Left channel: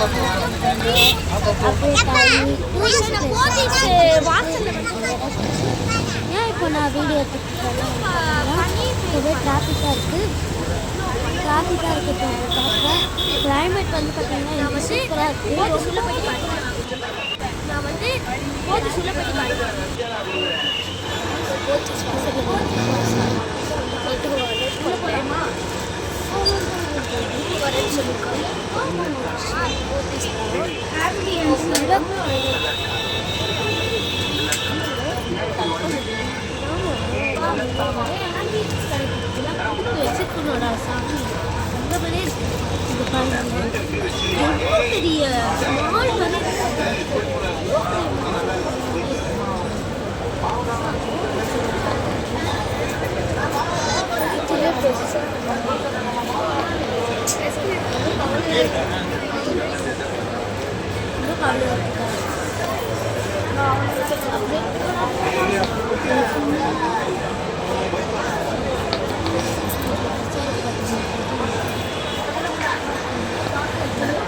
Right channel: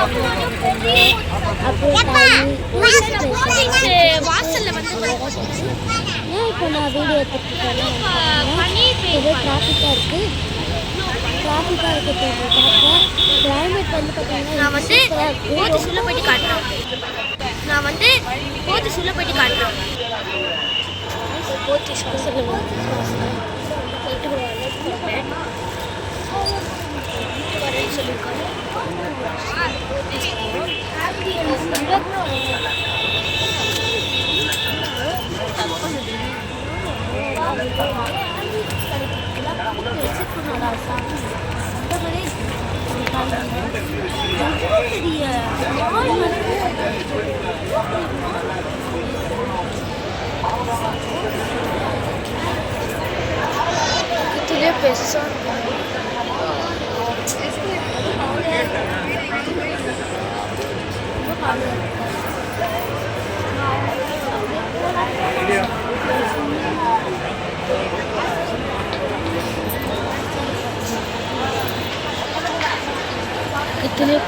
இப்போ நான் வீடியோ எடுத்துக்கிட்டேன். டிராஃபிக்காக இருக்குது. காட்டுறேன். கிளைமேட் வந்து பார்த்தீங்கன்னா நான் வந்து போத்து சொல்ல போயிட்டு காட்டுறேன். போத்து வரேன்னு சொல்லியிருக்காங்க. வச்சுக்கணும்டா சாமி. அந்த மாதிரி எவ்வளோ பெரிய மால் மாதிரி இதுலேயே பெருசாக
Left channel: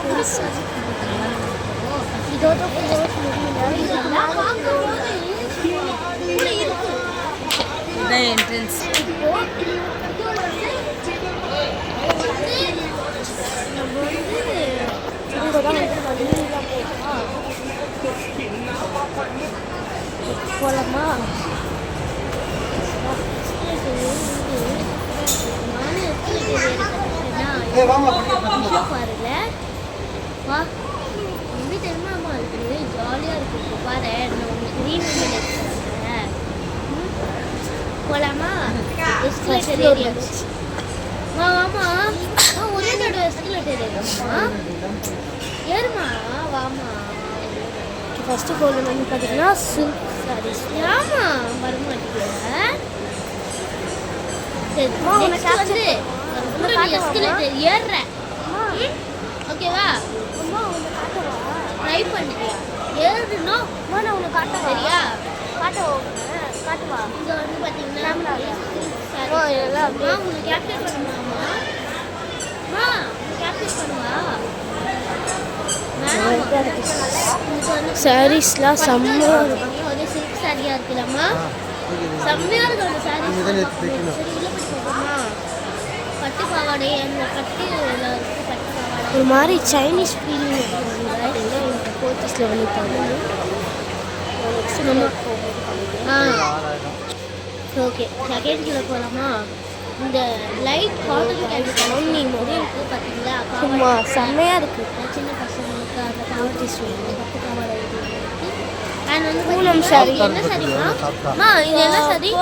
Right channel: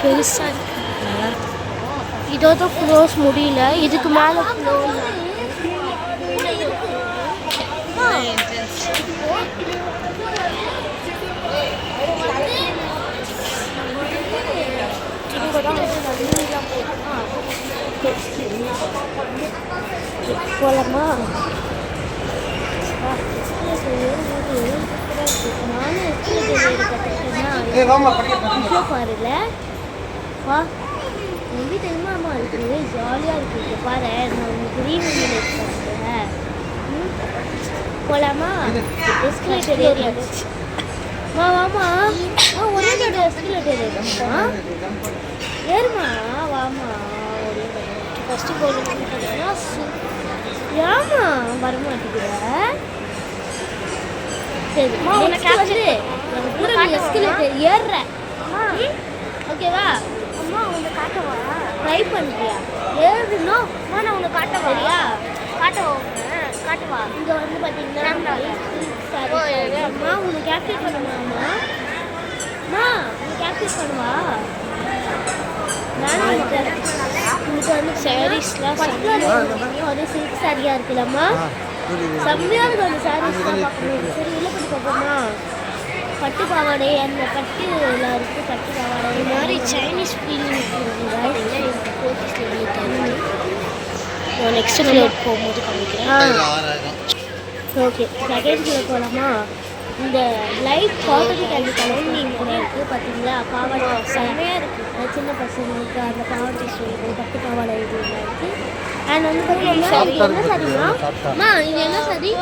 பெருசாக இதோட க்ளோஸ் முடியல. இதுக்கு மேலே போலாமா? பாருல வா ரொம்ப தெரியுமா இருக்குது. ஜாலியாக இருக்குது. பாரு நான் உங்களுக்கு ரீவெண்ட் பண்ணுறேன். போகலாமா? Escalator area. ஆமாம் ஒரே நேரம் எஸ்கலேட்டர் ஏறிமா ஏறுமா வாமா. ஃபஸ்ட்டு கோல் வந்து பார்த்தீங்கன்னா ஆமா வரமாட்டேங்குது. சரிம்மா எஸ்கலேட்டர் ஏறுறேன். ஓகேவா? அம்மா உன்னை காட்டவா? ட்ரை பண்ணுறியா? ஏறுனா அம்மா நான் உன்னை காட்டவா? காட்டவா? காட்டுவா? இங்கே வந்து பார்த்தீங்கன்னா உன்னை கேப்டேட் பண்ணுவாம்மா. அம்மா உன்னை கேப்டேட் பண்ணுவா. சாரீஸ்லாம் செம்மையாக இருக்கும். அதே சில்க் சாரியாக இருக்குல்லம்மா, செம்மையாக இருக்கும் அந்த சாரீஸ். சரி உள்ள போய் பார்ப்போமா? பட்டு பாவாடை அந்த பட்டுலாம் இருக்குது. பட்டு பாவாடை ஒரு மாதிரி சைனீஸ் ஃபீலிங் போர்ச்சஸில் பண்ணியிருக்காங்க. நெக்ஸ்ட் ஃப்ளோர் போகும்போது காமிக்கிறேன். ஓகே செகண்ட் ஃப்ளோர் போகலாமா? இந்த லைட் காட்டன் கேள்வி கலோனி மாதிரி இருக்குது பார்த்தீங்களா? பாவாடை செம்மையாக இருக்குது. சின்ன பசங்களுக்கு அந்த பாவாடை ஸ்வீட் பட்டு பாவாடை இருக்குது. அண்ட் வந்து பூனம் சாரி. என்ன சாரிம்மா? இது என்ன சாரி?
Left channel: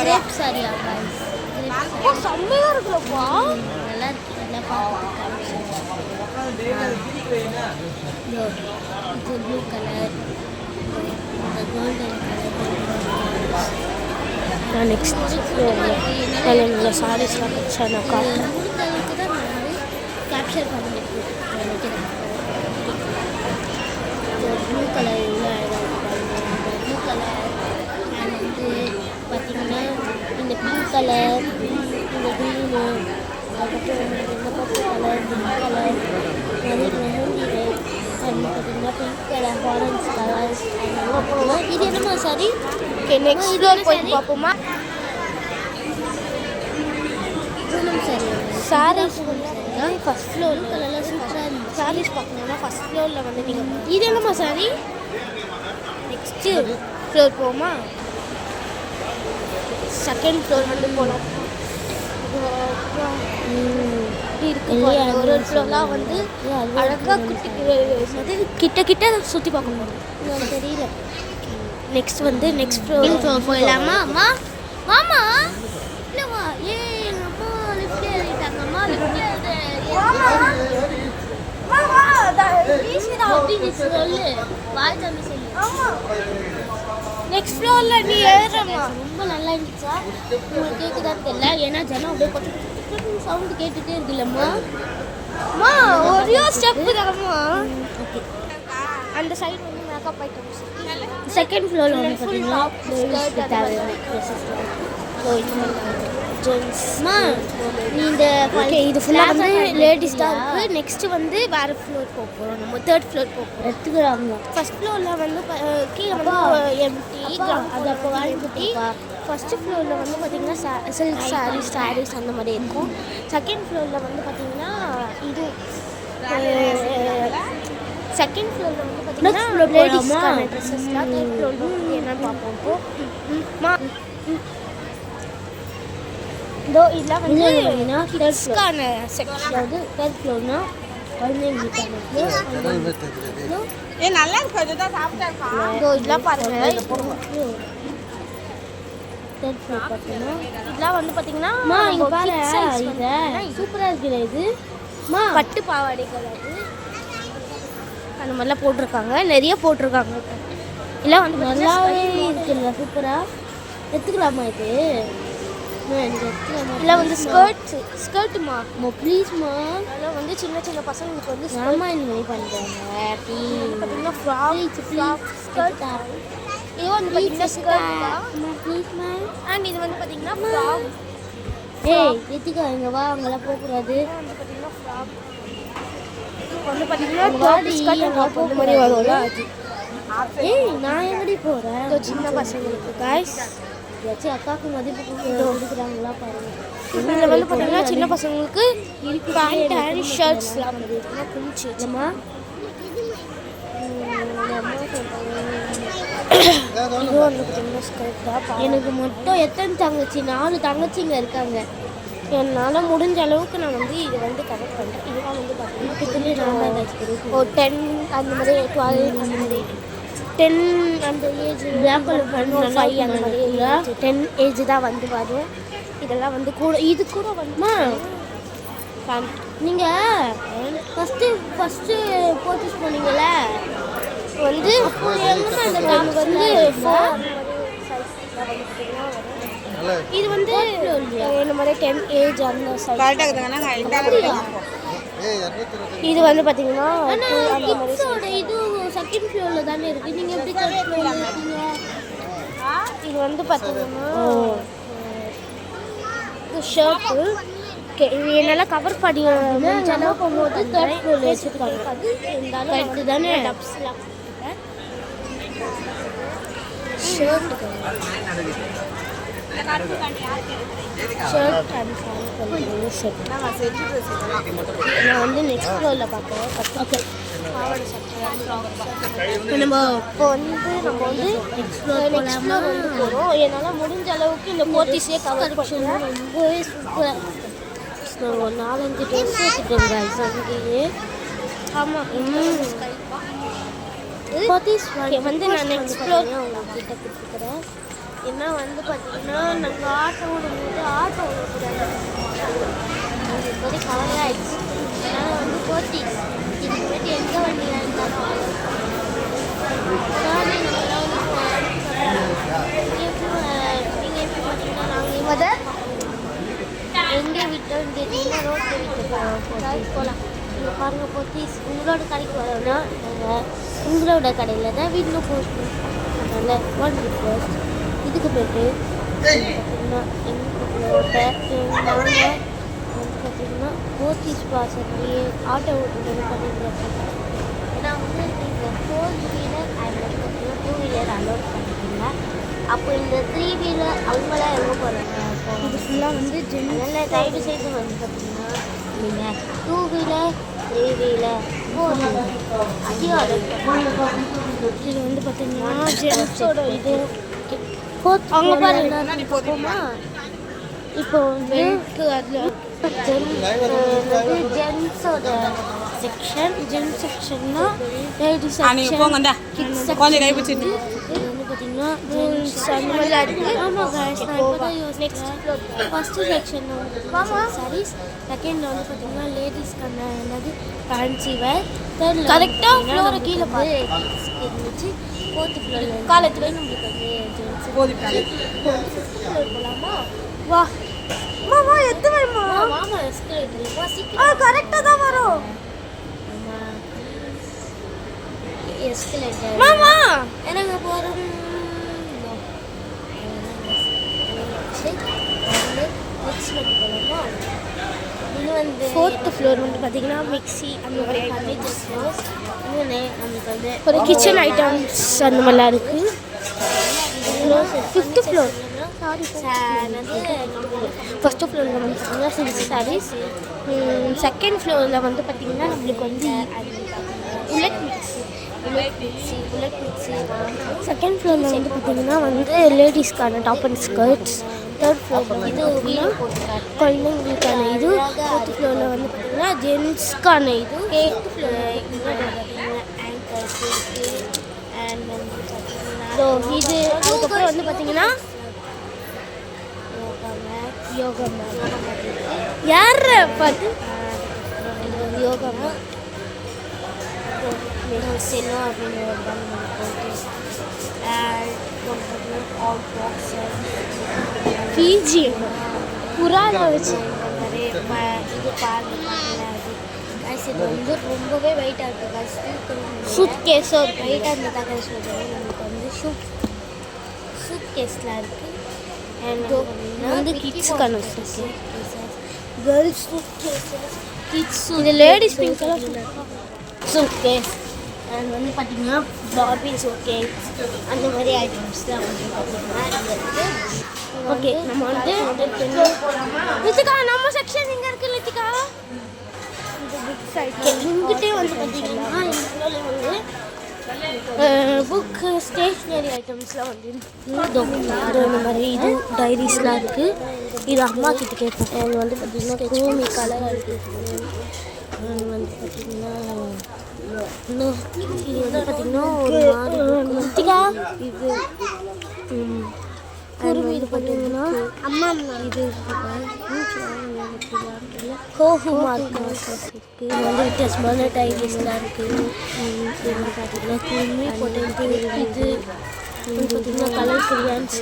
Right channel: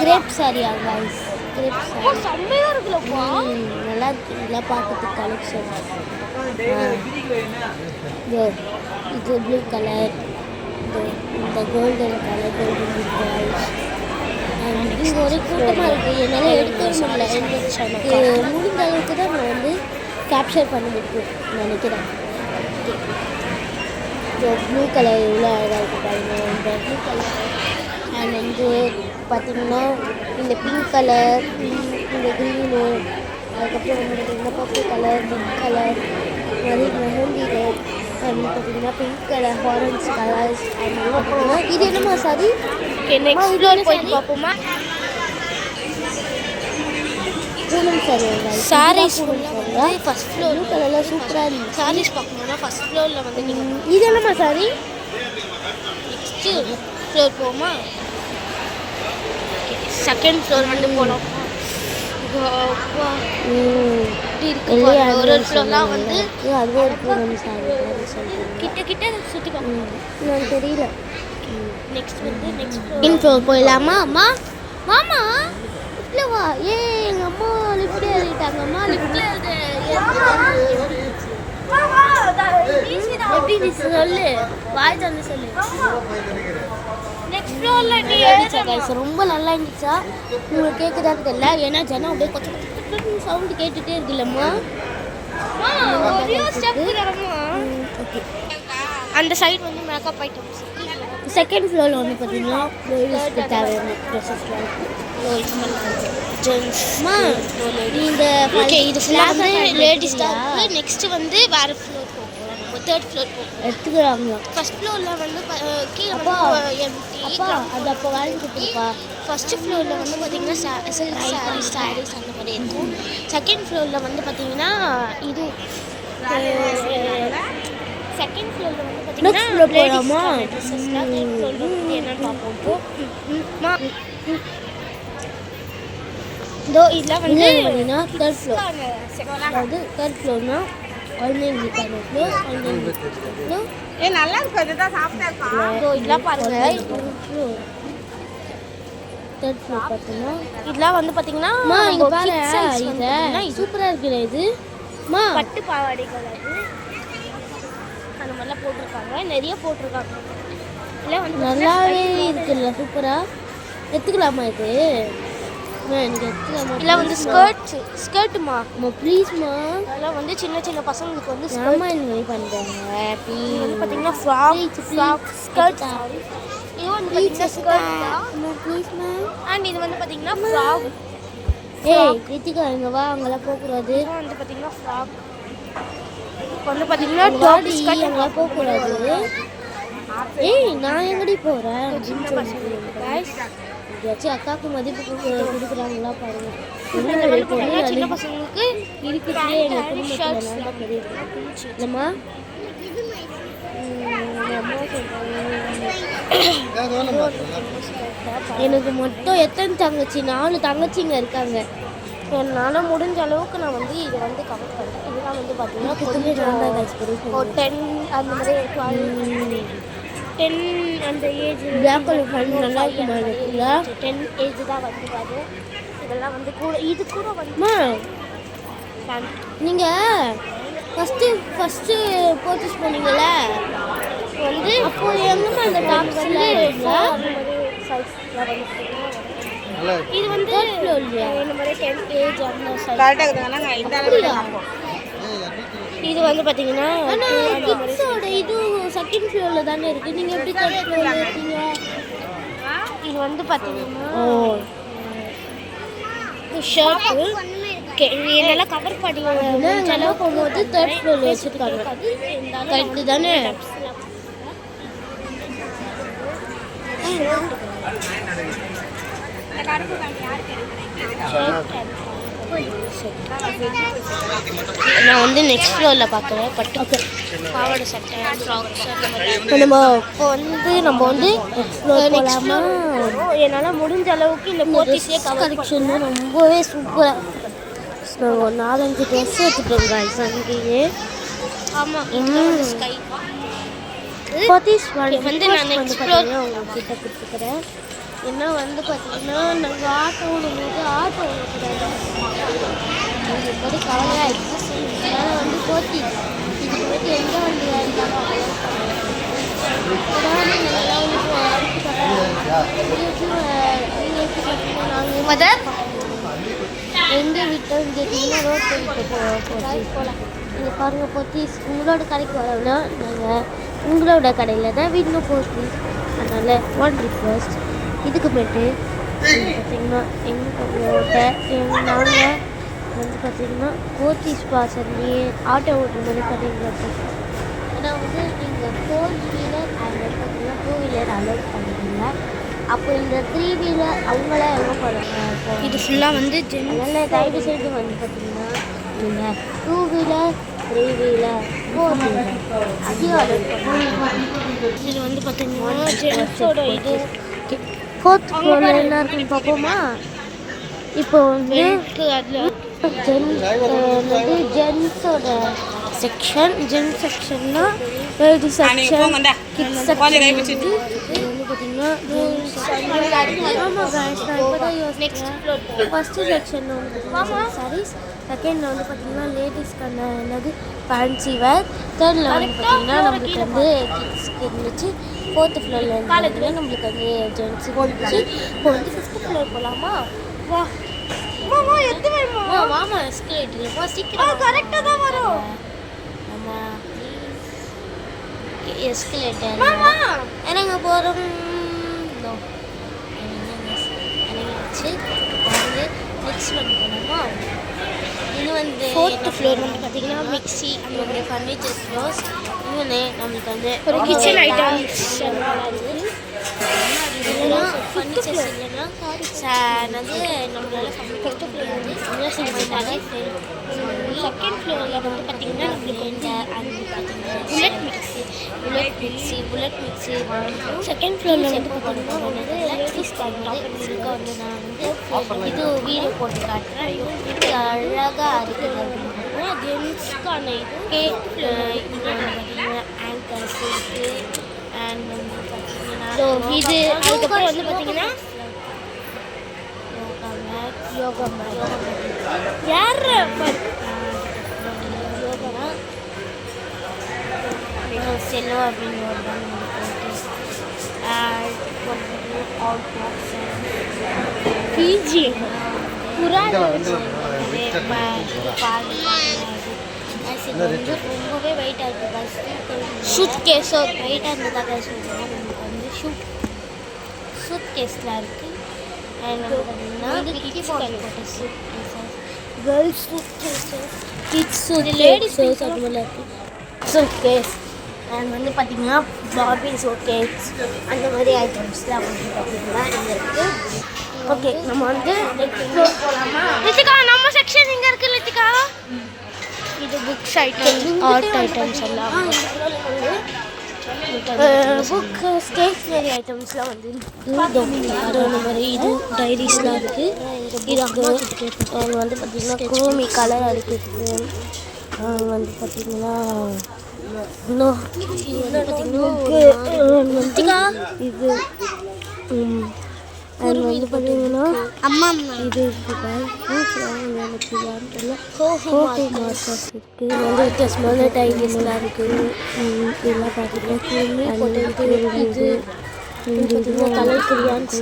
கிரேப் சாரியா கைஸ்? கிரேப் சாரி செம்மையாக இருக்குல்லப்பா. நல்லா இருக்கு. நல்லா பார்க்கறதுக்கு கலெக்ஷன். இது ப்ளூ கலர், இந்த golden colour, golden balls. Next ஒரு கூட்டமாக இருக்குது. என்னால் முடிந்த அளவுக்கு தான் நான் வந்து கேப்சர் பண்ணிருக்கு நினைக்கிறேன். ப்ளூ கலர் எவ்வளோ அழகாக இருக்குது பாருங்க. இந்த ப்ளூ கலர் அண்ட் வந்து பார்த்திங்கன்னா இந்த பிங்க் கலர், இந்த க்ரீனு, அதுக்கப்புறம் வந்து இந்த பர்பிள் கலர், பிங்க் கலர், மாதிரி மெஹந்தி ரெட், அண்ட் பார்த்திங்கன்னா pink colour, orange colours. And வந்து பார்த்திங்கன்னா இது என்னம்மா சாரி? நெக்ஸ்ட் போயிட்டு பார்ப்போமா? பூனம் சாரி சாரீஸ் ஃபஸ்ட் ஃப்ளோர் கலரில் சூப்பராக இருந்துச்சு. சாரீஸ் பார்க்கணுன்னா ஃபஸ்ட் ஃப்ளோரில் வந்து நீங்கள் இது என்னம்மா சாரி? நெக்ஸ்ட்டு ஃப்ளோர் போவோமா? செகண்ட் ஃப்ளோர் வந்து போனோம். ஒரு ஃப்ளோர்லாம் வந்து கிட்ட கிட்ட சுற்றி பார்க்கணும். எனக்கு தெரியல. நெக்ஸ்ட் வந்து நெக்ஸ்ட் ஃப்ளோர் போயிடலாமா? அம்மா வாமா லிஃப்ட்ல வா. எங்கள் அம்மா லிஃப்ட் ஏறிட்டாங்க. அம்மா லிஃப்ட் எப்படி சொல்லு, வாய் தந்து சொல்லு. நெக்ஸ்ட் ஃப்ளோரில் நீ எழுதுற ரொம்ப நல்லா இருந்துச்சா? உங்களுக்கு கேட்குதான்னு தெரியல. ஏன்னா ஜனம் அப்படியே கொஞ்சம் சவுண்டு கேட்டுகிட்டே இருக்குல்லம்மா. ஒரே ஸ்டெப் தரமா? ஓகே. அந்த சைடு வந்து மேக்கப் ஐட்டம்ஸ். செகண்ட் ஃப்ளோரில் வந்து பார்த்தீங்கன்னா தேவையான ட்ரெஸ்ஸஸ்லாம் இருக்குது. ஜென்ஸ் இந்த ஓகே இது ஃபுல்லாக வந்து லேடிஸ் தான் இருக்குது. நெக்ஸ்ட்டு வந்து வேறு ஃப்ளோர் போகிறோம். நம்ம தேர்ட் ஃப்ளோர் போகிறோம். எடுத்துக்கிறாங்களா? ஃபஸ்ட் ஃப்ளோரில் வந்து கீழே வந்து எம்டி அது அப்போ வாழ்ந்துட்டுருக்கா. ஃபஸ்ட்டு ஃப்ளோரில் வந்து பார்த்திங்கன்னா சில்க் சாரீஸ் அந்த மாதிரி இருக்கும். செகண்ட் ஃப்ளோரில் வந்து பார்த்திங்கன்னா இது செகண்ட் ஃப்ளோரில் வந்து பார்த்திங்கன்னா லேடிஸ்க்கான ட்ரெஸ்ஸஸ்லாம். தேர்ட் ஃப்ளோரில் வந்து என்னென்னு பார்ப்போம் இப்போது. இதோ இதெல்லாம் வந்து கிட்ஸ்க்கான அதாவது தேர்ட் ஃப்ளோர்னா குழந்தைங்களுக்கான ஃப்ளோர். நல்லா இருக்கும். இதுதான் சாப்பிட்டேன். இதோ இதெல்லாம் பாருங்கள். தேர்ட் ஃப்ளோர் பார்த்தீங்கன்னா இதெல்லாம் வந்து பார்த்தீங்கன்னா சூப்பராக இருக்குது. இது பட்டு பாவாடைகள் அது அந்த மாதிரிலாம் போட்டிருக்காங்க. நிறைய போட்டிருக்காங்க. இதெல்லாம் வந்து நல்லாவே இருக்குல்ல, சூப்பராக. எடுத்துக்கலாமா இது? இதெல்லாம் வந்து ஸ்கர்ட்டுமா ப்ளீஸ்மா. அதெல்லாம் வந்து சின்ன சின்ன பசங்களுக்கு வந்து இந்த மாதிரி பண்ணுறாங்க. வந்து பார்த்தீங்கன்னா ஃப்ராக் ஸ்கர்ட். இது வந்து பார்த்தீங்கன்னா ஸ்கர்ட் தான். ப்ளீஸ்மா. அண்ட் இது வந்து பார்த்தீங்கன்னா ஃப்ராக். ரித்திகா இங்கே வா, அங்கெல்லாம் போகக்கூடாது. வந்து பார்த்தீங்கன்னா ஃப்ராக். வந்து பார்த்தீங்கன்னா டாப் ஸ்கர்ட் அங்கே போகக்கூடாது. நான் எங்கடி போகிறேன்? சின்ன பசங்களுக்கு காய்ஸ் ஏதாச்சும் அக்காவுக்கு மதிப்பு கொடுக்குறாங்களா பாருங்க. இதில் வந்து பார்த்தீங்கன்னா சின்ன பசங்களுக்கு பேண்ட் ஷர்ட்ஸ் இல்லைம்மா. எனக்கு மொத்தம் எத்தனை தங்கச்சி? 4 தங்கச்சிங்க இருக்காங்க. என்னால் முடிஞ்ச அளவுக்கு நான் வந்து இதை வந்து கவர் பண்ணுறேன். இதெல்லாம் வந்து பார்த்தீங்கன்னா 10 அந்த மாதிரி 12 10 அந்த ஏஜ் பிளாக் கலர் நல்லா 10 ஏஜ் தான் வந்து வரும். இதெல்லாம் வந்து கூட இது கூட வந்து நீங்கள் ஃபஸ்ட்டு பர்ச்சேஸ் பண்ணீங்கள வந்து அப்போ எங்கேம்மா இந்த டாப் வந்து இது வந்து இந்த மாதிரி 10 ஏஜ் அந்த சைஸ். இது வந்து பார்த்தீங்கன்னா அந்த மாதிரி இது செகண்ட் ஃப்ளோரில் தானே இருக்குது. நீங்கள் எப்படி தேர்ட் ஃப்ளோரில் இருக்கீங்க? இது வந்து பார்த்தீங்கன்னா ஷர்ட்டு என்னால் கவர் பண்ணி முடிஞ்ச அளவுக்கு போது தேர்ட் ஃப்ளோரில் வச்சுருக்காங்க. கரெக்டு தானே? நான் வந்து நெக்ஸ்ட் ஃப்ளோரில் பார்க்குறேன். பட்டு பாவாடை சட்டை ஃப்ராக்ஸ் அந்த மாதிரி. இப்போ நம்ம வந்து போகலாமா? என்னால் முடிஞ்ச அளவுக்கு இந்த போர்ட்டிஸே கவர் பண்ணணும். ரொம்பவே சூப்பராக இருக்கும். நாங்கள் ஒரு 4-5 ட்ரெஸ் எடுத்துட்டோம் காய்ஸ் அங்கேயே. ஆமாம். ஸ்கை வந்து நான் நெக்ஸ்ட் ஃப்ளோர் உங்ககிட்ட கொடுத்துக்கிறேன். என்ன வந்து பார்த்தீங்கன்னா நாங்கள் ஆட்டோ ஓடும்போது ஆட்டோ ஓடக்கூடாது. இது மாதிரி கவலையாக இருக்குது. அதனால் வந்து போர்ட்டிஸ் இதுக்கு வந்து எந்த வண்டியாக இருந்தாலும் எங்கே விட்டோம் தெரியுமா? ரோட் போகலாம். இங்கே பாருங்கள் போர்ட்டிஸ். உங்களோட கடைக்கு வரோம்னா நாங்கள் உங்களோட கடையில் தான் வீட்டில் போஸ்டிங். அதனால் 1 ரிக்வெஸ்ட். இதுக்கு போய்ட்டு பார்த்திங்கன்னா எங்களோட நாங்கள் வந்து பார்த்திங்கன்னா போர்ட்டிஸ் பாசன்லேயே ஆட்டோ ஓட்டுற மாதிரி பண்ணிடுறாங்க. ஏன்னா வந்து நீங்கள் 4 வீலர் அதில் பார்த்தீங்கன்னா 2 வீலர் அலோட் பண்ணுறீங்க. அப்போ இந்த 3 வீலர் அவங்களாம் எங்கே போகிறாங்க? இது ஃபுல்லாக வந்து அதனால் தயவு செய்து வந்து பார்த்திங்கன்னா நீங்கள் 2 வீலர் 3 வீலர் 4 வீலர் அதையும் அலோட் பண்ணுங்க. இது வந்து பார்த்திங்கன்னா ஜென்ஸோட இது அவங்க எல்லாருக்கும் பார்ப்போமா? இப்போ வந்து ஜென்ஸோட செக்ஷன். ஜென்ஸ் செக்ஷன்னா லேடிஸ் செக்ஷன், கிட்ஸ் செக்ஷன் வந்து பார்த்தீங்கன்னா ஆமாம் காய்ஸ். நான் இப்போ தான் யோசிச்சேன். ஃபஸ்ட்டு செக்ஷனில் வந்து பார்த்தீங்கன்னா சாரீஸ், செகண்டில் வந்து பார்த்தீங்கன்னா லேடிஸ்க்கான என்னது ஃபேன்சி வேர், தேர்டில் பார்த்தீங்கன்னா நம்மளுக்கு வந்து கிட்ஸ்க்கு இருந்துச்சு, 4th ஃப்ளோரில் காலத்தில் நம்மளுக்கு வந்து ஜென்ஸுக்கு இருந்துச்சு. இப்போ வந்து 5th ஃப்ளோர் போகலாமா? வா மாமா எத்து வைமா. மாமா எஸ்கலேட்டர் சீக்கிரம் கரெக்டாக தான் வரும். ஆமாம் எஸ்கலேட்டர் மாமா என்னங்க போகிறோம். எனக்கு நெக்ஸ்ட் வந்து போனோமா இது வந்து 4th ஃப்ளோர் வந்து பார்த்தீங்கன்னா மிக்ஸி அந்த மாதிரி ஃபர்னிச்சர் ஃப்ளோர்ஸ். இன்னொன்று நம்மளுக்கு வந்து ஒரு கிச்சன் ஐட்டம்ஸ் அந்த மாதிரிலாம் இருக்குது. இதெல்லாம் 5th ஃப்ளோர் நம்மளால ஃபஸ்ட்டு ஃப்ளோரில் வந்து பார்த்தீங்கன்னா செஞ்சுட்டாரு. செகண்ட் ஃப்ளோரில் வந்து பார்த்திங்கன்னா நம்மளுக்கு வந்து அது பார்த்திங்கன்னா புல்லட் மிக்ஸி. செகண்ட் ஃப்ளோரில் வந்து பார்த்திங்கன்னா வந்து லேடிஸ்க்கான டாப் அண்ட் ஸ்கர்ட்ஸ். தேர்ட் ஃப்ளோரில் இது வீடு போட்டு காட்டுறேன். அழகாக ஃப்ளோரில் வந்து பார்த்திங்கன்னா ஜென்ஸ்க்கான இது. 8th ஃப்ளோரில் பார்த்திங்கன்னா ஆங்கர்ஸ் இருக்குது. அண்ட் வந்து பார்த்திங்கன்னா இது அதுக்கப்புறம் வந்து பார்த்திங்கன்னா யோகா மேட் யார் யோகா செல்லோ அப்படின்னு ஒரு பிஜி புறாத வச்சு இது வந்து ரொம்பவே வெயிட்டாக இருக்குது. ஷூட் கேஸோ வெயிட்டாக இருந்ததாக சொல்லுவோம். நமக்கு வந்து ஷூட் கேஸ்லாம் இருக்குது. அண்ட் வந்து கிட்ஸ்க்கான girls kids ladies suitcase. And வந்து பார்த்திங்கன்னா பாபி ஷூட் கேஸ் அந்த மாதிரி ஐட்டம்ஸ்லாம் வந்து பார்த்திங்கன்னா இங்கே இருக்குது. ஓகே நம்ம வந்து லித்திகா நம்ம செக்ஷன் இங்கே இருக்குது. லித்திகா இது புக்ஸ் ஐட்டம் ஆர்ட் ஐட்டம்ஸ் எல்லாம் புக் ஸ்டேஷ்னரி ஐட்டம்ஸ்லாம் வந்து இந்த மாதிரி இது டைரிஸ்லாம் இருக்குது. இது அம்மா கிட்ட கேட்பேன். அது வந்து பார்த்திங்கன்னா கோமி கலராக இருக்குது. வந்து பார்த்திங்கன்னா இன்னும் இது வந்து பார்த்திங்கன்னா இது அது வந்து பார்த்தீங்கன்னா அம்மா இது இருக்குது. வந்து வித்தியாசமான டைரிஸ்லாம் இருக்குது. இதெல்லாம் பார்த்தீங்கன்னா குருமி போட்டு இது பார்த்தீங்கன்னா கலர் கிரியான்ஸ்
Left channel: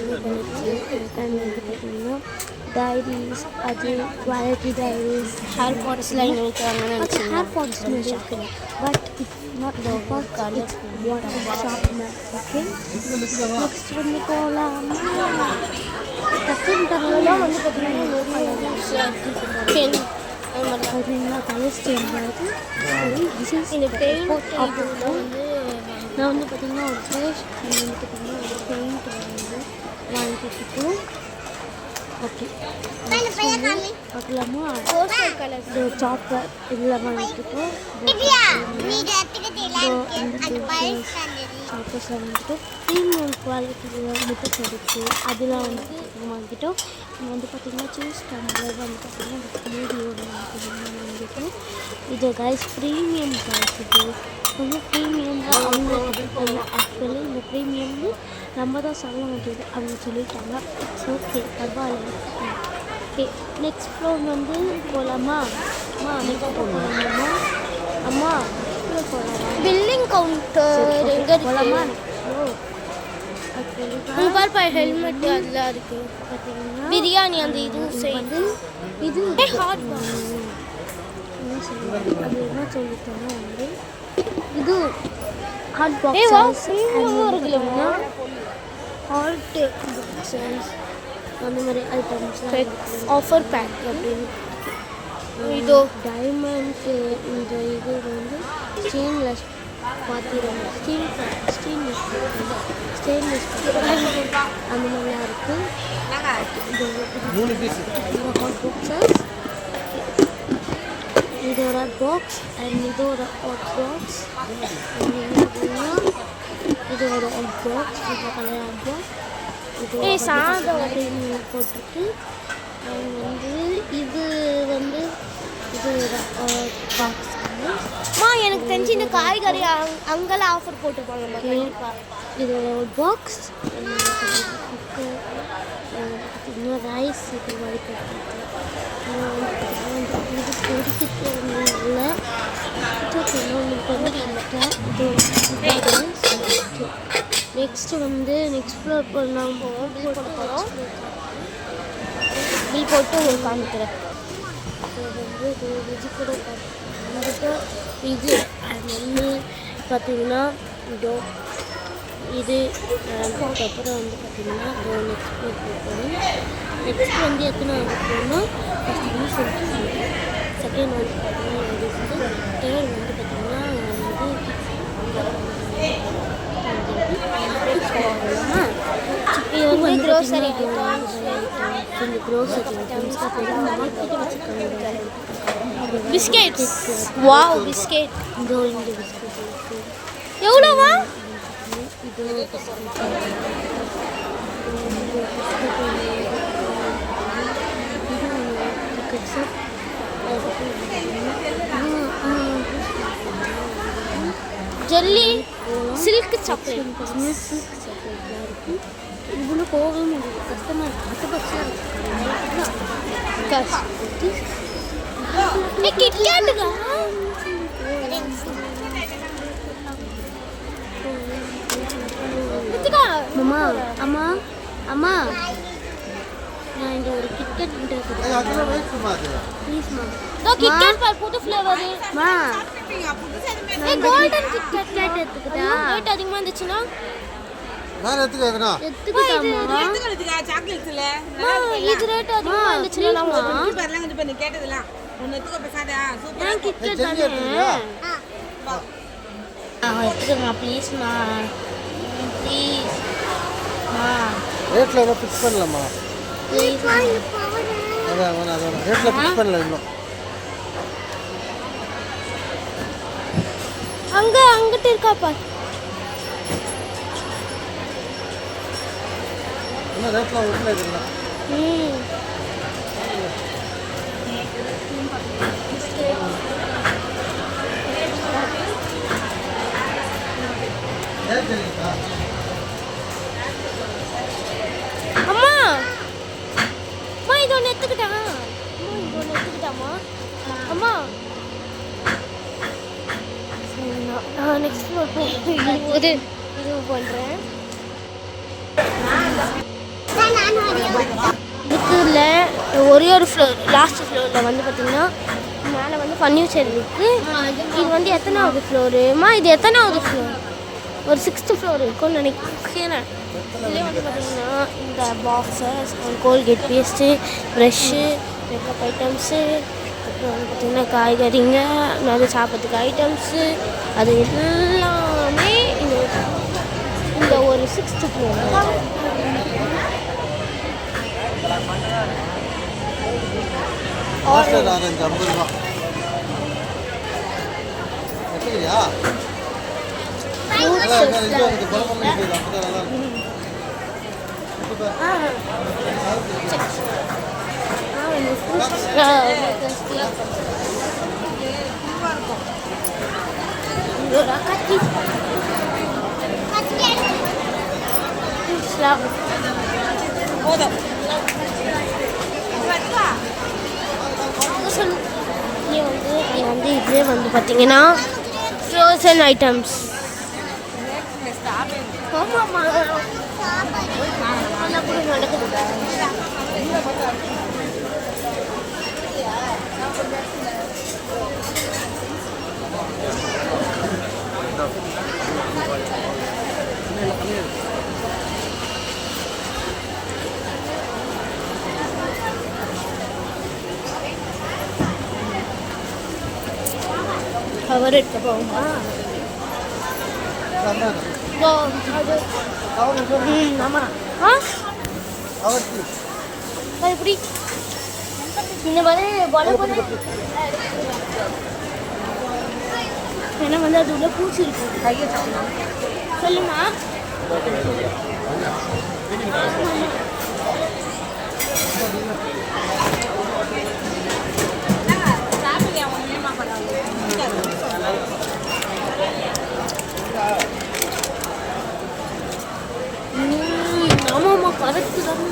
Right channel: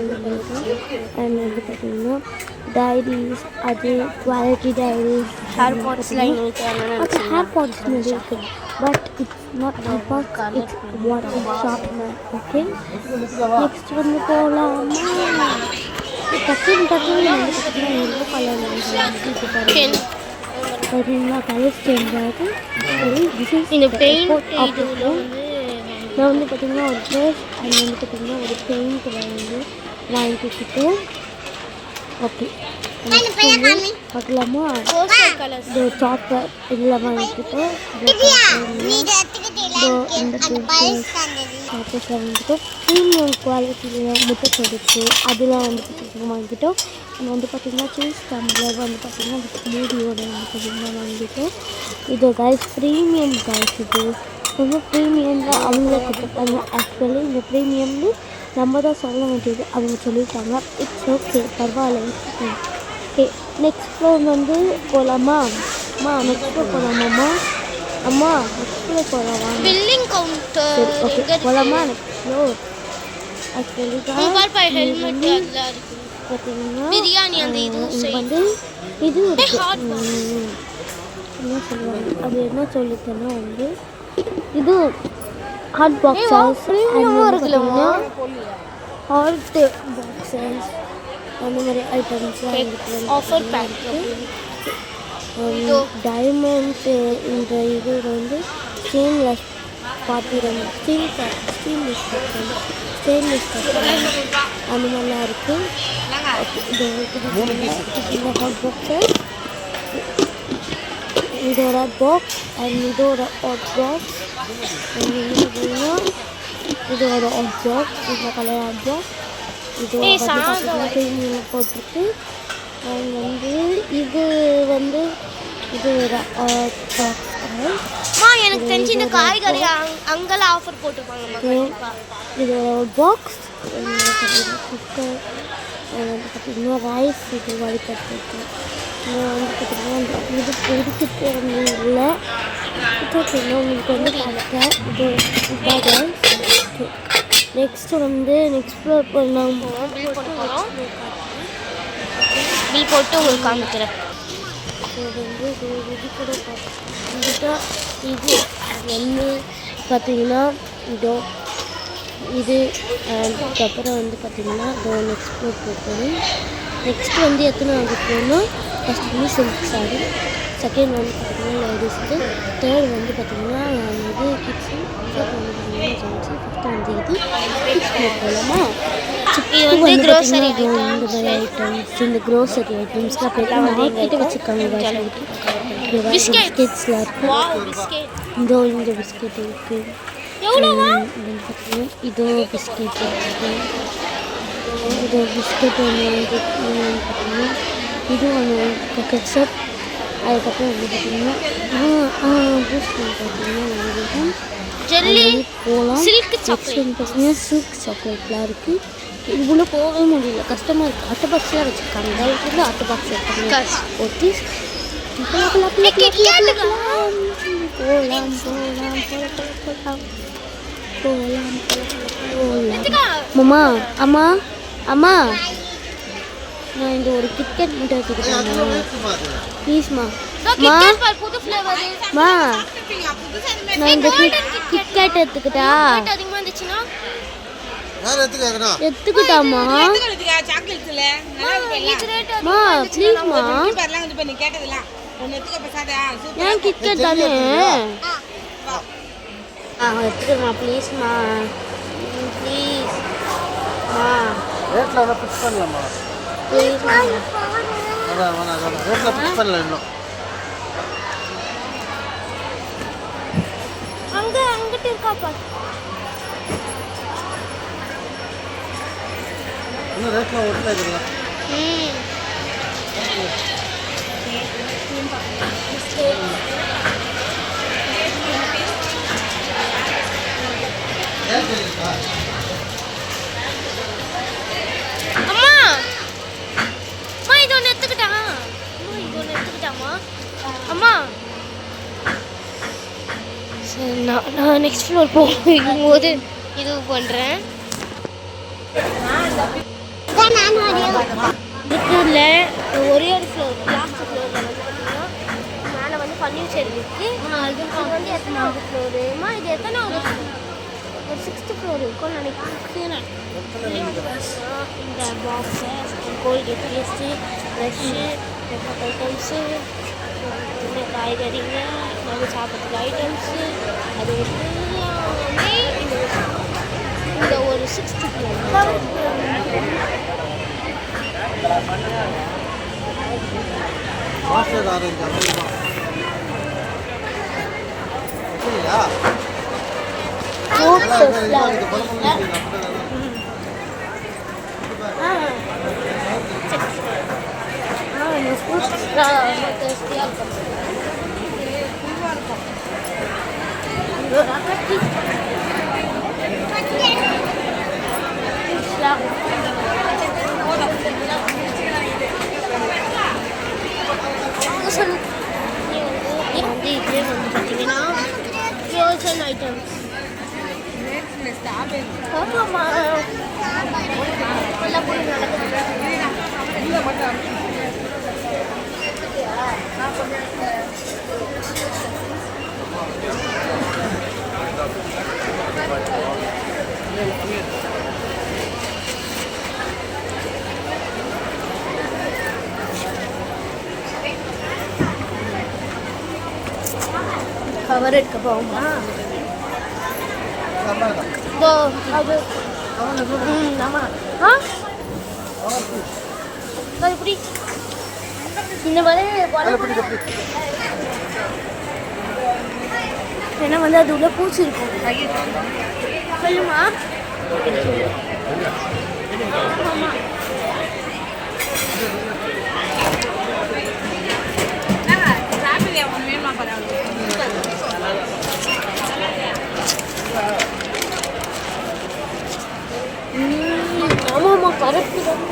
அண்ட் வந்து பார்த்தீங்கன்னா டைரிஸ் அது குவாலிட்டி டைரிஸ் ஹேர் பாட்ஸ்லாம் இருக்காங்க. ஹேர் பாட்ஸ் இருக்குது but it's not it's what sharpener. Okay next வந்து போகலாமா? டக்குன்னு பார்த்தீங்கன்னா கலர்ஸ் சேஞ்ச் ஆகுது. இந்த பெயிண்ட் நான் வந்து பார்த்திங்கன்னா ஒரு ப்ரஷ் அது வந்து பார்த்திங்கன்னா ஒரு பெயிண்ட் வந்து வாங்கி கொடுத்துட்டோம். ஓகே பார்க்கலாமா? இந்த சாப்பர் இதெல்லாம் வாங்கிக்கிட்டோம். இந்த சாப்பர்ஸ்லாம் வந்துட்டோம். ப்ரீமியம் குவாலிட்டியில் முட்டை கொடுத்து அதெல்லாம் வந்து பார்த்திங்கன்னா வாங்கிக்கிட்டோம். வந்து பார்த்திங்கன்னா சீஸ் டம்ளர் வந்து பார்த்திங்கன்னா மூடியோட வந்து பார்த்திங்கன்னா வாங்கிட்டோம். இது கைஸ் ப்ரீமியம் கைஸ். இது ரொம்ப ப்ரீமியம் தான் அவங்கள கொடுத்துருக்காங்க. ஆக்சுவலி இந்த ப்ரீமியம்னு நம்ம தான் சொல்ல வேண்டியது, அவங்க சொல்லியிருக்காங்க. இட்ஸ் ஓகே பரவாயில்ல. ஓகே நெக்ஸ்ட் ஃப்ளோர் வந்து போகலாமா? அம்மா நெக்ஸ்ட் ஃப்ளோர் போகலாமாம்மா? அம்மா நெக்ஸ்ட் ஃப்ளோர் போகலாமா? பில்லிங் கவுண்டர் எங்கே போகலாமா? நெக்ஸ்ட் ஃப்ளோர் ஆக்சுவலி பார்த்தீங்கன்னா பிரியாணி அந்த இது வந்து இது என்ன சொல்லுவாங்க அது என்ன சொல்லிட்டேன்னா வந்து இது ஹாட் பாக்ஸஸ் இருக்குல்லம்மா ஹாட் பாக்ஸஸ் அந்த மாதிரி ஐட்டம்ஸ் ஆஃபர் பேக் இது டைமண்ட்ஸ். இந்த இது வந்து ஸ்டெயின்லெஸ் பாத்திரம் ஸ்டெயின்லெஸ் அந்த மாதிரிலாம் இருக்குது. இந்த ஹாட் பாக்ஸஸ் இதோட பாக்ஸ் அண்ட் இதோட ஹாட் பாக்ஸ் இதோட ஹாட் பாக்ஸ் இந்த கலர் ஹாட் பாக்ஸ் இதோட போட்டிருக்கு. அண்ட் வந்து இது வந்து இதோட ஹாட் பாக்ஸ் எனக்கு தெரிஞ்சு இந்த காய்கறி அங்கெல்லாம் ஆஃபர் போட்டிருப்பாங்க. இதோட ஹாட் பாக்ஸ் குக்கர் பார்த்திங்கன்னா ரைஸ் இது வடிகட்டிருக்கு. வந்து பார்த்திங்கன்னா இது பொடிக்கிட்டு இல்லை உங்களுக்கு வந்து பார்த்தேன். இது நெக்ஸ்ட்டு வந்து நெக்ஸ்ட் ஃப்ளோர் போகலாம். பில் போட்டு போகிறோம். பில் போட்டு உங்களுக்கு காமிக்கிறேன். இது வந்து இது கூட பார்த்துக்கிட்ட இது எண்ணெய் பார்த்திங்கன்னா இதோ இது அதுக்கப்புறம் வந்து பார்த்திங்கன்னா இதோ நெக்ஸ்ட் ஃப்ளோர் போகணும். நெக்ஸ்ட் வந்து எத்தனாவது ஃப்ளோர்னா ஃபஸ்ட் வந்து சில்க் சாரி, செகண்ட் வந்து பார்த்தீங்கன்னா லேடிஸ்க்கு, தேர்ட் வந்து பார்த்தீங்கன்னா இது கிட்ஸு, போகலாமா? இது வந்து க்ரோசரி ஐட்டம்ஸ். இந்த க்ரோசரி ஐட்டம்ஸ்லாம் போய் மார்க்கெட்டை வச்சுருக்காங்க. பிஸ்கெட்ஸ். Wow, biscuit. இதோ இந்த பிஸ்கெட் இருக்குது. எவ்வளோவா? இதோ பிஸ்கெட் இருக்குது. இது பிஸ்கெட் ஒன்று, இது ஒன்று பேக்கெட் செட். அதுக்கப்புறம் வந்து பார்த்தீங்கன்னா ஜெல்லி, போகலாம். Silk chocolate. பார்த்தீங்கன்னா சில்க் சாக்லேட்லாம் இருக்குது. இவ்வளோ போகவே முடியல, கஷ்டமாக இருக்குது. அட்டை பாக்ஸ்லாம் வச்சுருக்காங்க. வந்து அட்டை பாக்ஸ் வச்சுருக்காங்க. ஓகே மாமா, அம்மா அம்மா, நான் இந்த ஒரு கிட்கேட் மட்டும் வச்சுருக்கேன் ப்ளீஸ்மா. புது ஃப்ளேவர். மா, நான் இந்த கிட்கேட் எடுத்துக்கிட்டா அதிகமாக இருந்துச்சுன்னா எடுத்துக்கிட்டாமா? இது ரேட் மா ப்ளீஸ்மா, ஏன் கிட்கேட் தானே எடுத்துக்கமா ப்ளீஸ்மா, ப்ளீஸ் மா. ரேட்ல எல்லாம் ஃபிக்ஸ் பண்ணியாம்மா? அதான் ரேட்ல ஃபிக்ஸ் பண்ணல இன்னும். அங்கிட்டு இருக்காப்பா. இன்னும் ரேட்ல ஒட்டுல இருக்குல்ல. அம்மா, அம்மா இது ஒன்று எடுத்துக்கிட்டா. அம்மா இது ஒன்று எடுத்துக்கிட்டாமா? அம்மா சரி, நான் நெக்ஸ்ட் ஃப்ளோர் போகும்போது இது பண்ணுறேன். இதுக்குள்ள ஒரே ஒரு ஃப்ளோர், லாஸ்ட் ஃப்ளோரில் வந்து பார்த்தீங்கன்னா மேலே வந்து ஃபர்னிச்சர் இருக்குது. இது வந்து எத்தனாவது ஃப்ளோருமா? இது எத்தனாவது ஃப்ளோர்? ஒரு 6th ஃப்ளோர் இருக்கும்னு நினைக்கிறேன். இதுலேயே வந்து பார்த்தீங்கன்னா இந்த boxes, Colgate paste, brush, makeup items, அப்புறம் பார்த்தீங்கன்னா காய்கறிங்க, நாங்கள் சாப்பிட்றதுக்கு ஐட்டம்ஸு, அது எல்லாமே இந்த ஒரு 6th ஃப்ளோர். மாஸ்டர் ஆரஞ்சு அவ்வளோ சரியா? வந்து இதுலேயே வந்து பார்த்தீங்கன்னா ஃப்ரோசன் ஐட்டம்ஸ். ஆமாம்மா, கவர் எடுக்க போகுமா? அது ஆமாம். எப்படி இந்த மாதிரி ஏன்னா வந்து அது உள்ள பூச்சி இருக்கும். சொல்லுமா? ஆமாம். ஆமாம்மா, கரெக்டு தான்.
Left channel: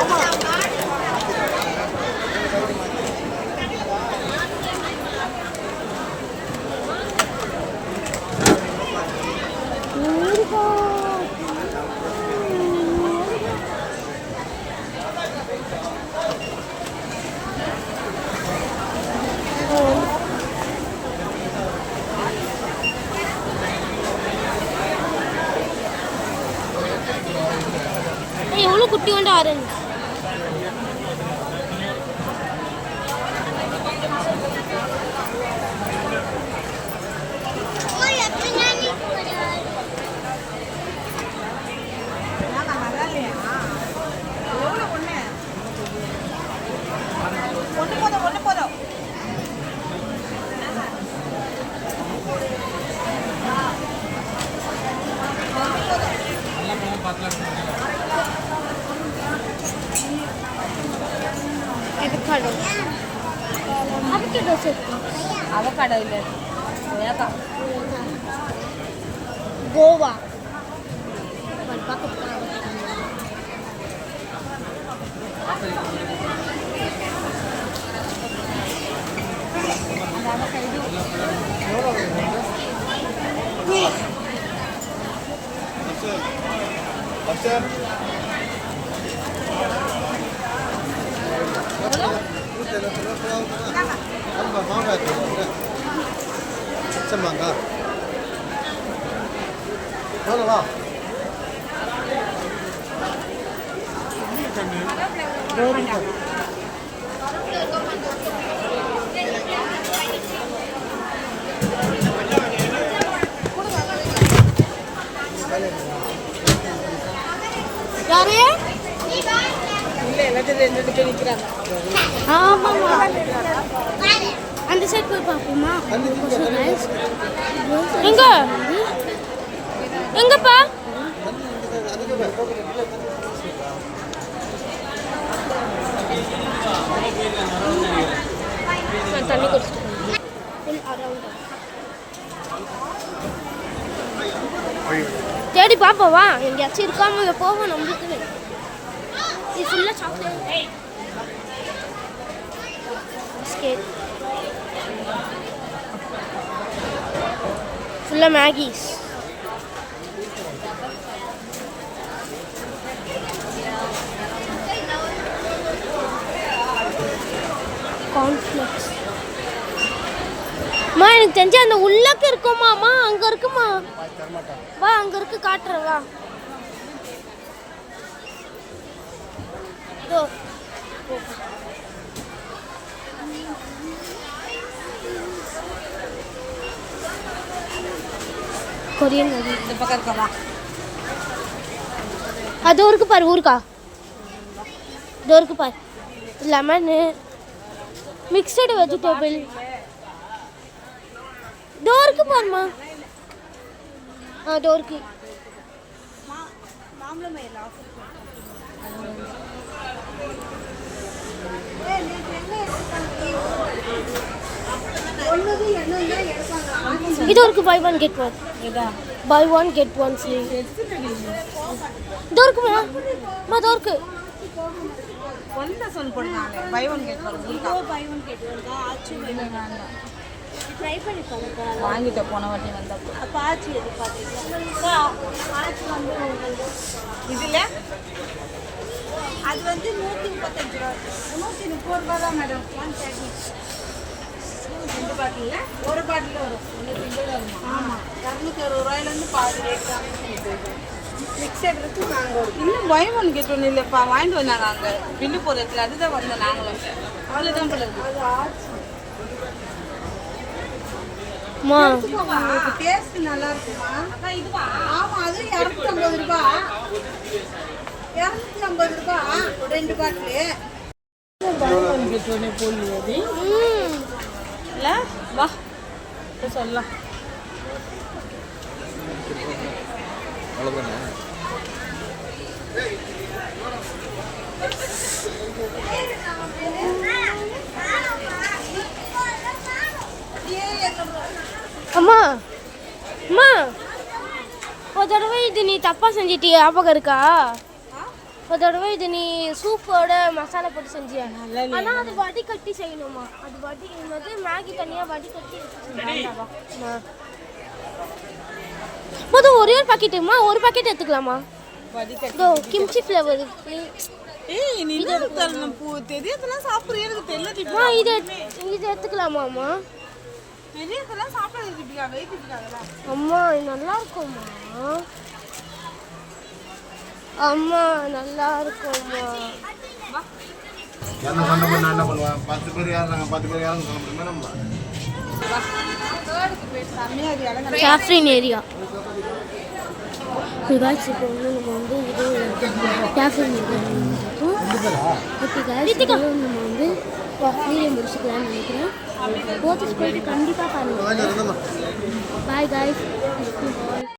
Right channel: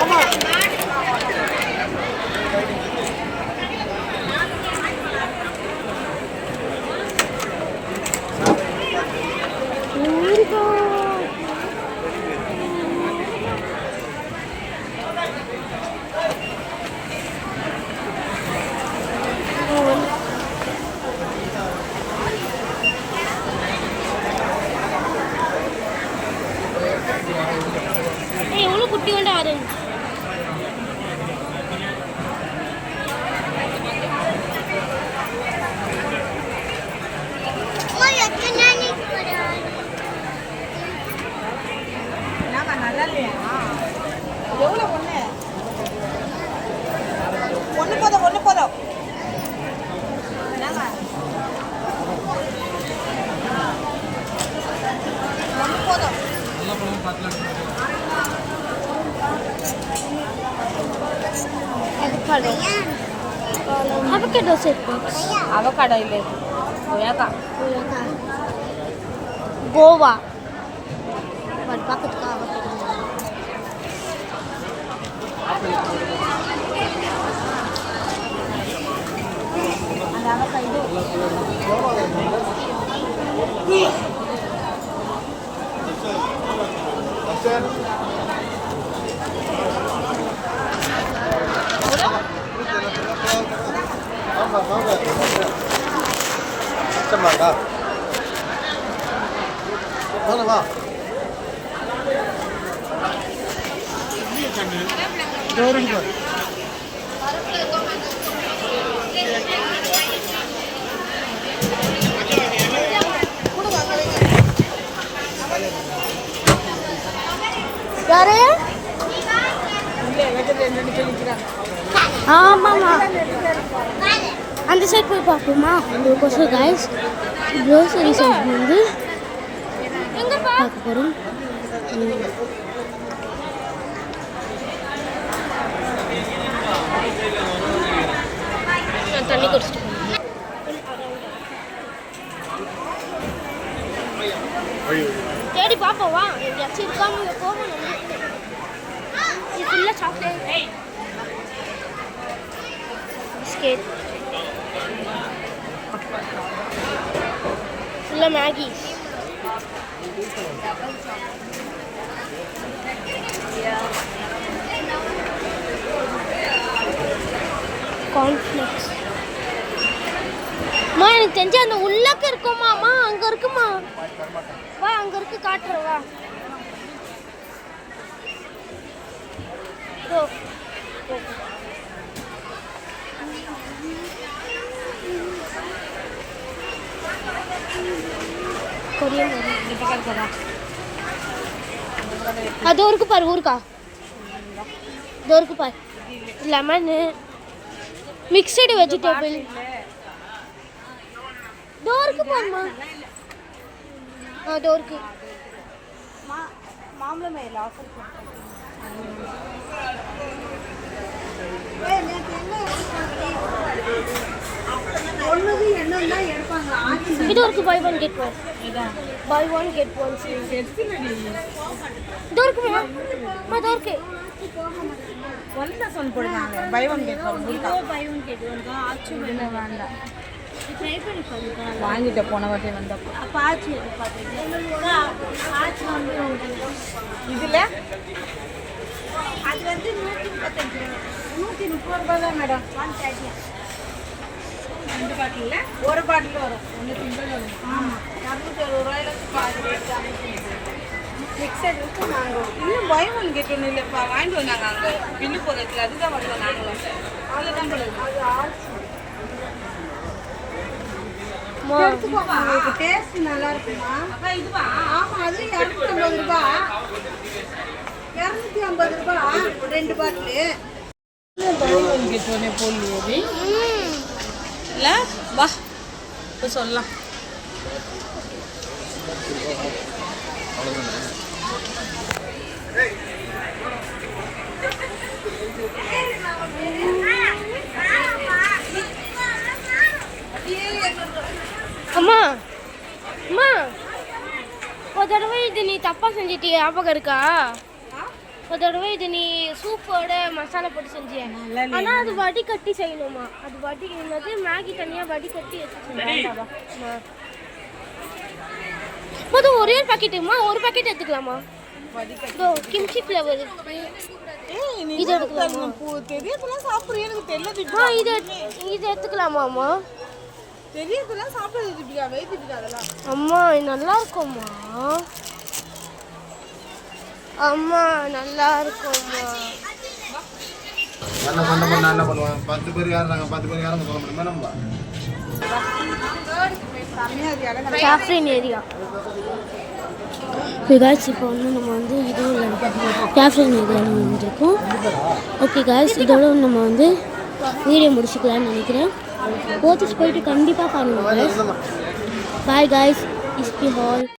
ஆமாம். அவகேடோ சேர்த்து அவகாடோ இல்லை கொய்யாக்கா கோவா பட் பக்கத்துக்கு அவகேடோ அந்த அவகாடோ வா யாரு ஆமாம்மா அந்த சைட் போய் பார்ப்போமா கொசம் கைஸ் இங்கே வந்து எங்கப்பா நான் தண்ணி குடிச்சிட்டு தேடி பார்ப்போவா எங்கேயாச்சும் இருக்காம இல்லை போவோம் நம்மளுக்கு இது ஃபுல்லாக சாக்லேட் பிஸ்கெட் ஃபுல்லாக மேகிஸ் கார்ன்ஃப்ளெக்ஸ் அம்மா எனக்கு தெரிஞ்சு அந்த உள்ளக்க இருக்குமாம்மா அங்கே இருக்குமா வா அங்கே இருக்கு காட்டுறேன் வா இதோ கொரியன் இந்த பக்கம் இருக்கவா அது இருக்கு பாரு ஊருக்கா இதோ இருக்கு பாரு லெமனு மிக்சடு வெஜிடபிள் இதோ இருக்கு பாருமா இதோ இருக்கு மாம்பழம் மேல ஆஃபர் இது இருக்கு buy one get one buy one get one free இதோ இருக்குமா இதோ இருக்கு சொன்ன போடுறாங்க buy one get one buy one get one தான் ஆக்சுவலி வேண்டாம் ட்ரை பண்ணி பாருங்க வாங்கிட்ட போன வாட்டி வந்தப்போ அப்போ ஆச்சு இது பார்த்தீங்கன்னா இதில் அது வந்து 135 ரூபா 130 ரூபா தான் மேடம் 130 ரெண்டு பாட்டில் ஒரு பாட்டில் வரும் ஒன்று சிங்கிள் வரும் ஆமாம் 160 ரூபாயிலேருந்து பாதி மிக்சர் இருக்கு நாங்கள் இன்னும் பை ஒன் கெட் ஒன்று இல்லைப்பா வாங்கிட்டு வந்தாங்க அங்கே பில்லு போடுறதுக்கு அதுதான் வந்தோம் நாங்கள் அவ்வளோதான் போடுறது டேஸ்ட் நல்லா இருக்குமா இதுவா ஆமா அது 250 ரூபாய் 250 ரூபாய் ரெண்டு பாட்டில் போலியோவி இல்லை வா இப்போ சொல்லலாம் அம்மா அம்மா ஒரு தடவை இது நீ தப்பா செஞ்சிட்டிய ஞாபகம் இருக்கா ஒரு தடவை இது நீ சூப்போட மசாலா போட்டு செஞ்சியா ஆனால் அது வடிகட்டி செய்யணுமா அது வடி என்னது மேகி தனியாக வடிகட்டி எடுத்து மொதல் ஒரே ஒரு பாக்கெட்டுமா ஒரு பாக்கெட் எடுத்துக்கலாமா இதோ கிம்ச்சி ஃப்ளேவர் இது எடுத்துக்கலாமாம்மா அம்மா நல்லா இருக்கும்மா அம்மா நல்லா இருக்கும்மா என்ன சண்டை பண்ண என்ன பண்ணுவான் 10 பேர் யாருறாங்க 10 பேர் யாருன்னு சொல்ல முடியுமா நம்ம சாஃப்ரின் ஏரியா காய்ஸ் இப்போ வந்து நம்ம வந்து இது சாஃப்ரின் ஏரியா வந்துருக்கோம் ஓகே காய்ஸ் இதோட நம்ம வந்து வீடியோ முடிச்சுக்கலாம்னு நினைக்கிறேன் போத்திஸ் போயிட்டு கண்டிப்பாக பாருங்கள் பாய் காய்ஸ் இஸ்பி ஹால்